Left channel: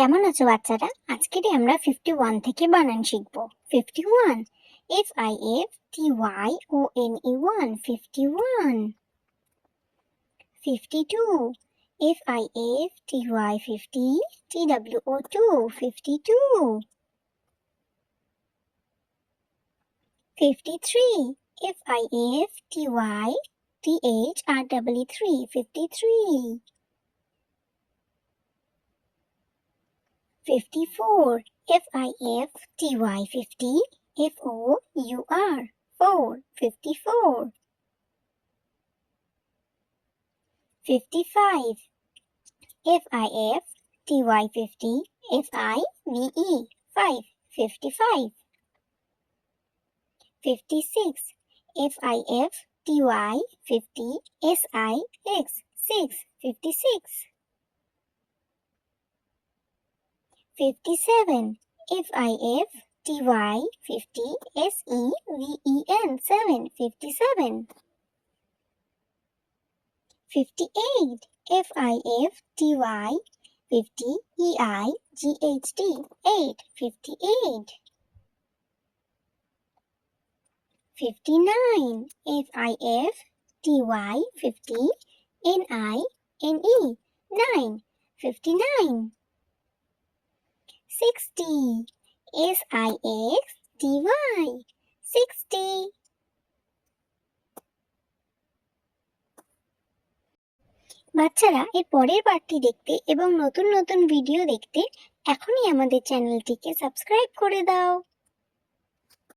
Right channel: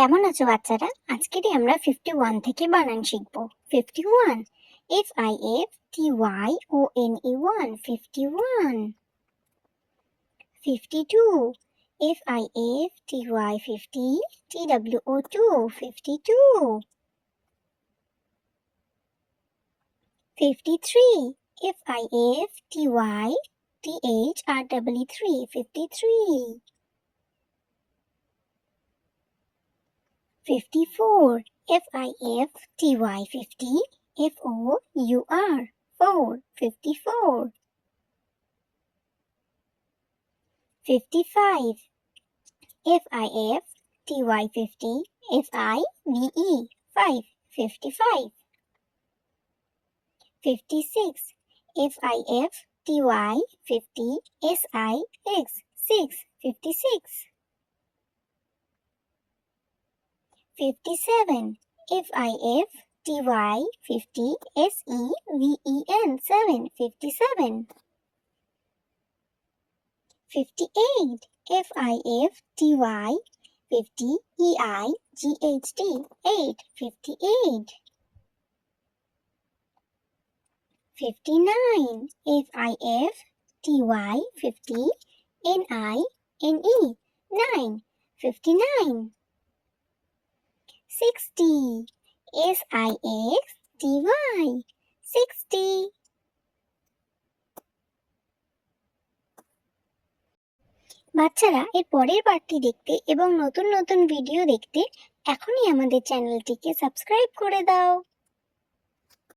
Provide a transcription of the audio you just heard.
কেমন আছো বাচ্চারা? আজকের আমরা 51 থেকে বানান শিখব। 51 FIFTYONE 51 52 FIFTY50 TWO2 52 53 FIFTYTHREE 53 54 FIFTY50 FOUR 4 54 55 FIFTY50 FIVE 5 55 56 FIFTY50 SIX 6 56 57 FIFTY50 SEVEN 7 57 58 FIFTY50 EIGHT 8 58 59 FIFTY50 NINE 9 59 60 SIXTY 60 বাচ্চারা এর পরের পার্টটি দেখতে এবং নতুন নতুন ভিডিও দেখতে এখনই আমাদের চ্যানেলটিকে সাবস্ক্রাইব করে দাও।